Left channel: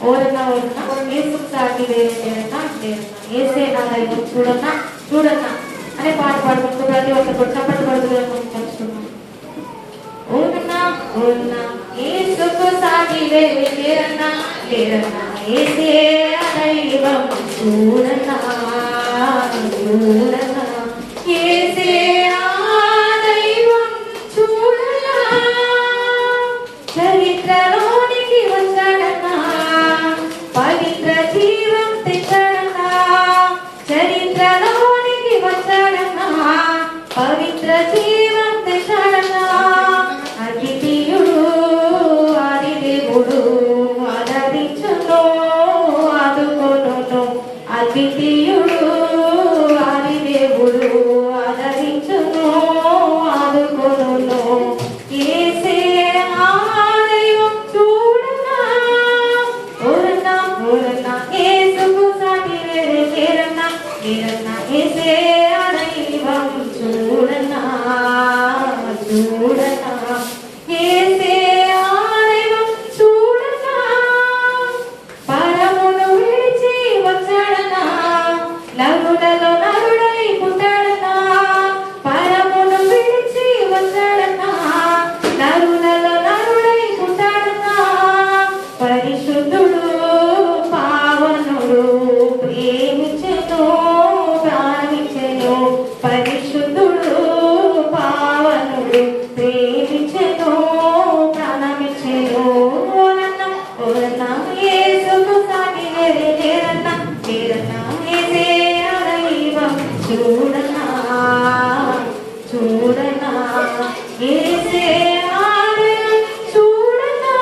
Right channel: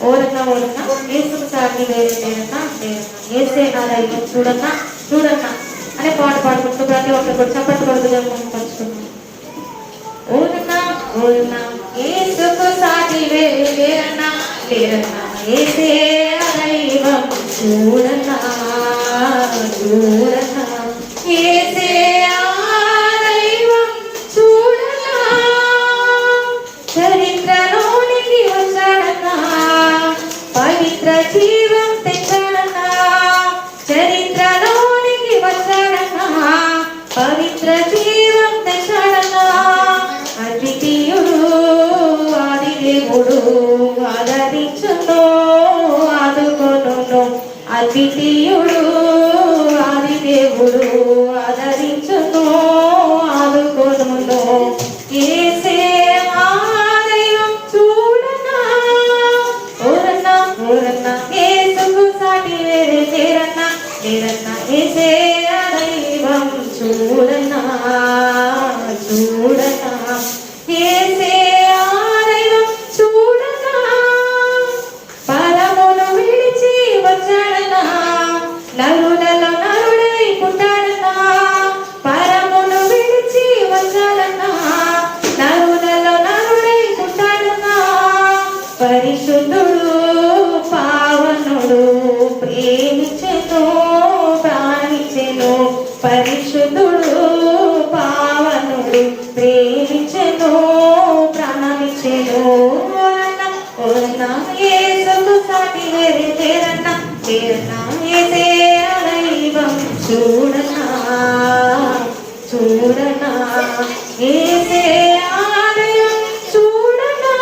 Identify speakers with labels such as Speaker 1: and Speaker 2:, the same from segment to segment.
Speaker 1: ಓದನ್ನ ಓದನ್ನ ಏಸುಕ್ತ ಆಗಿ ಬೇರೆ ಬೇರನ್ನ ఏసే నాయకు చూడన్న చూడన్న అనే పాట పాడుకుంటూ ప్రతి ఒక్క గొప్పపట్టు పండుగను ఓనన్నా ఓనన్నా ఏసుకు సాగి వేరే వేరన్నా వేరన్నా ఏసే అదైవం చూడన్నా చూడన్నా చరిత్ర జీవం తెచ్చడనా చరిత్రలోనికి వచ్చడనా పవిత్ర జీవం తెచ్చడనా అద్వితీయుడు ఆదిదేవుడు. చూడనా? చూడనా?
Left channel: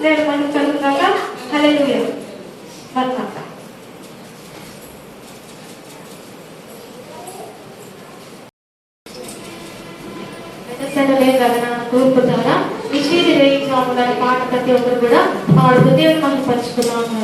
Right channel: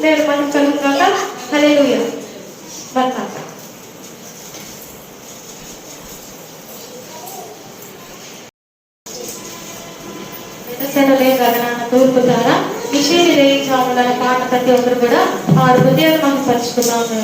Speaker 1: నేను మనం చదువుతున్నా హలే వర్క్ తూర్పు పాట ప్రతి ఒక్కరు కూడా. ఆ ఉద్యోగం పంచుకున్నాము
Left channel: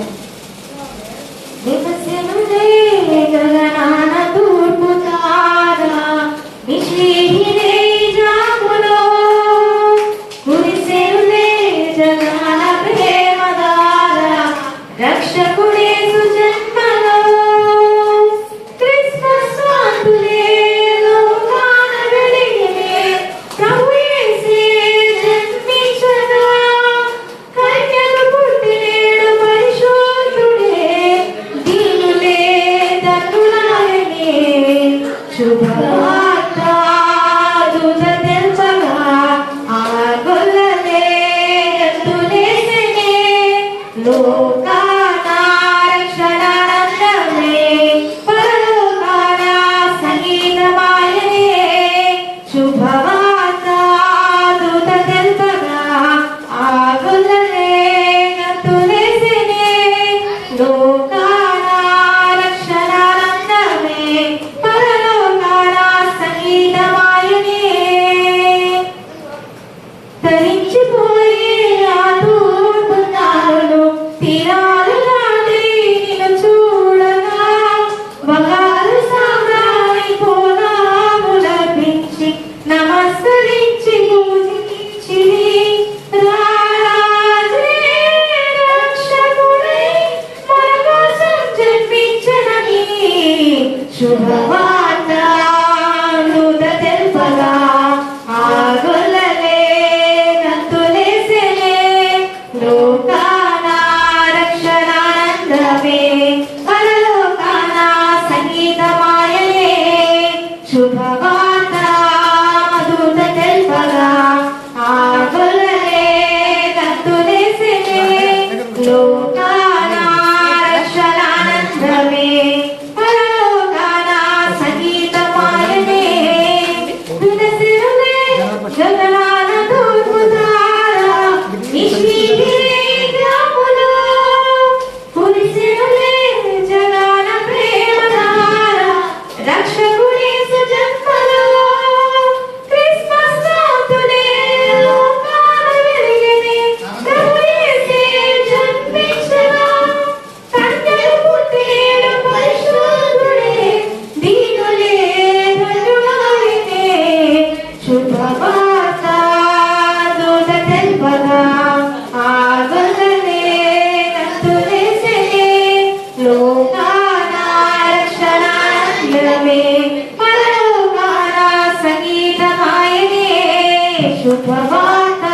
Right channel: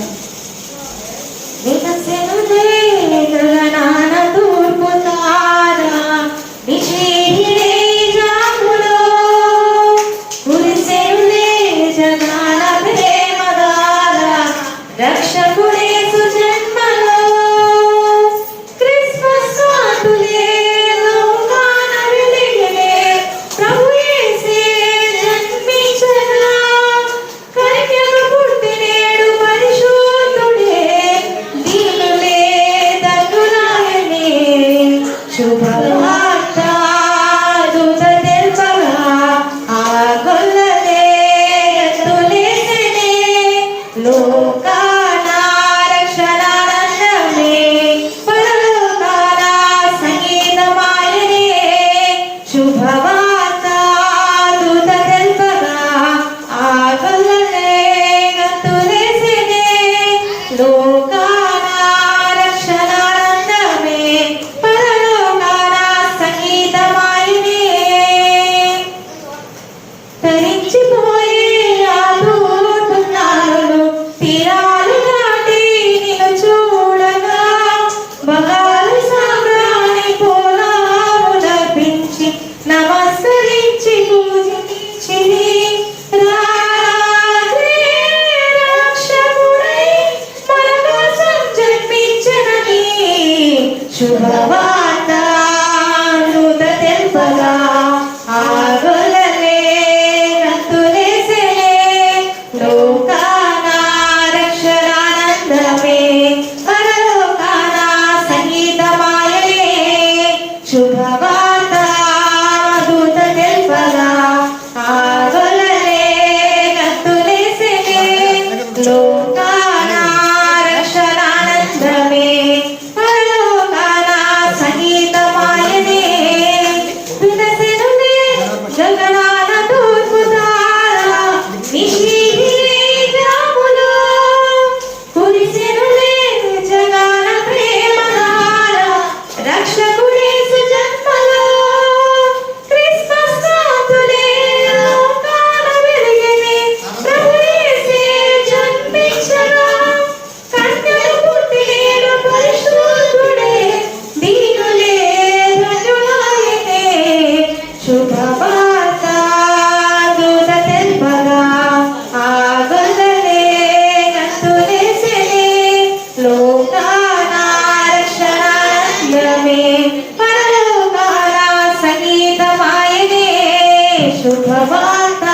Speaker 1: శుభవార్త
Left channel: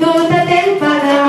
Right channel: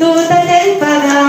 Speaker 1: దూత తెల్పగా